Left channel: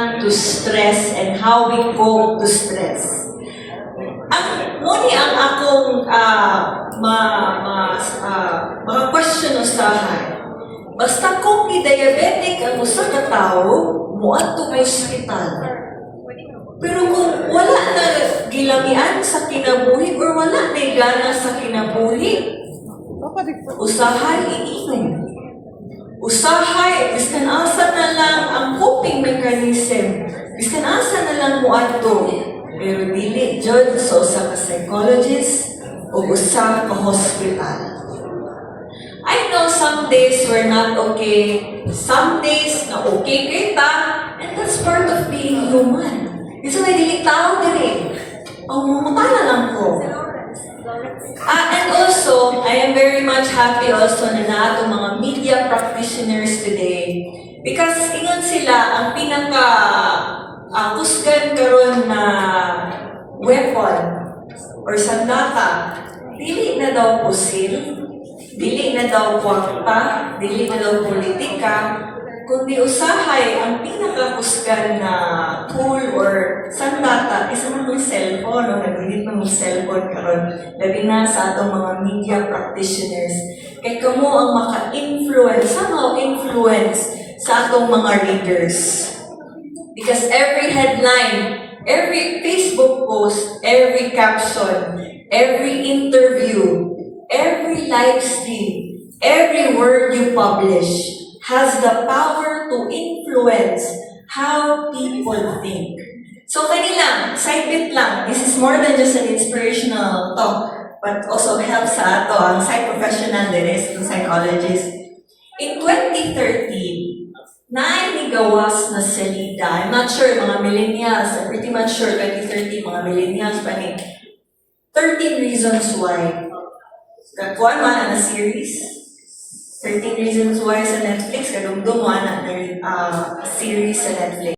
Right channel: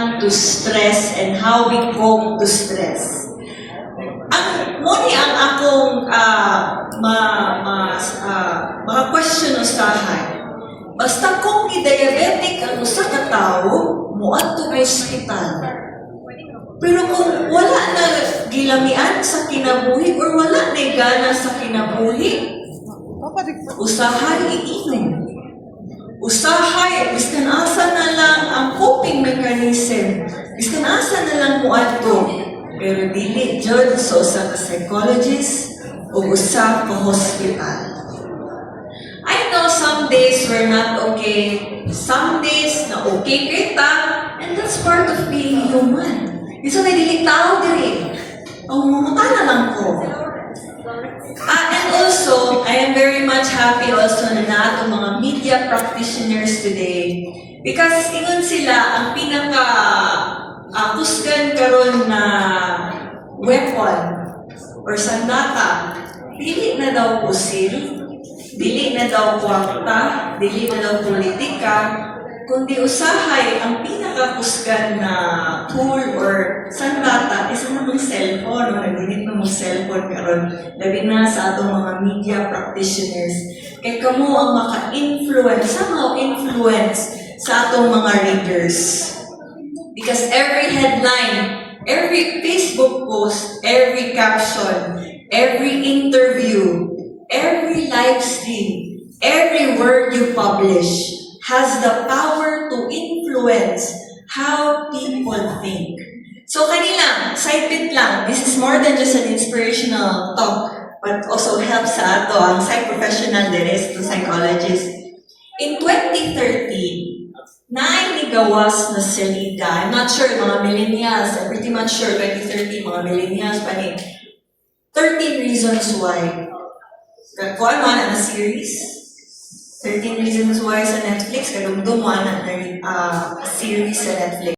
respond to stress and how we cope to stress. Muni ang akong mga question usahay. Basta kung diabetic ang usa ka tawo, muadto sa ospital. Pero kung wala na gilamian sa kinabuhi or wala na gana sa kinabuhi, usahay iinom. Usahay, biskan asa na lang ang coping mechanism. Biskan asa na lang muadto. Pero dili jud sa usa ka psychologist o usa ka hospital. I know some days we're not okay. Some days na okay kita, and that's part of being human. Isa na dili tao diri. Ang mumutana lang ko. And also, I am very much happy also na nato mga media practitioners today because ingon sila ang pinaka kusgan karon na weapon or sandata, dili na daw pusil, dili na daw kwarta, dili na daw politika, kundi usahay ang pinakakusgan na tool or sandata is ang cellphone o nag-init ng cellphone karon labi na sa atong mga media practitioners kay kamo ang maka-influence, somehow influence sa atong mga readers. Because every headline, every Facebook post, every caption, every interview, every live stream, every word you publish has the power to influence how people think. So kanila, side bit lang, this is more than just an inspirational talk, but also helps sa ato ang psych-professional din is the psychologist. In 2013, nainigawas na salida. I'm not sure, mga millennials, I'm pretty much sure 2013, mga millennials pa ni 13 Reasons Why. Kuha man na series. 13 Reasons Why sa Netflix, kadugdong man na series sa Netflix.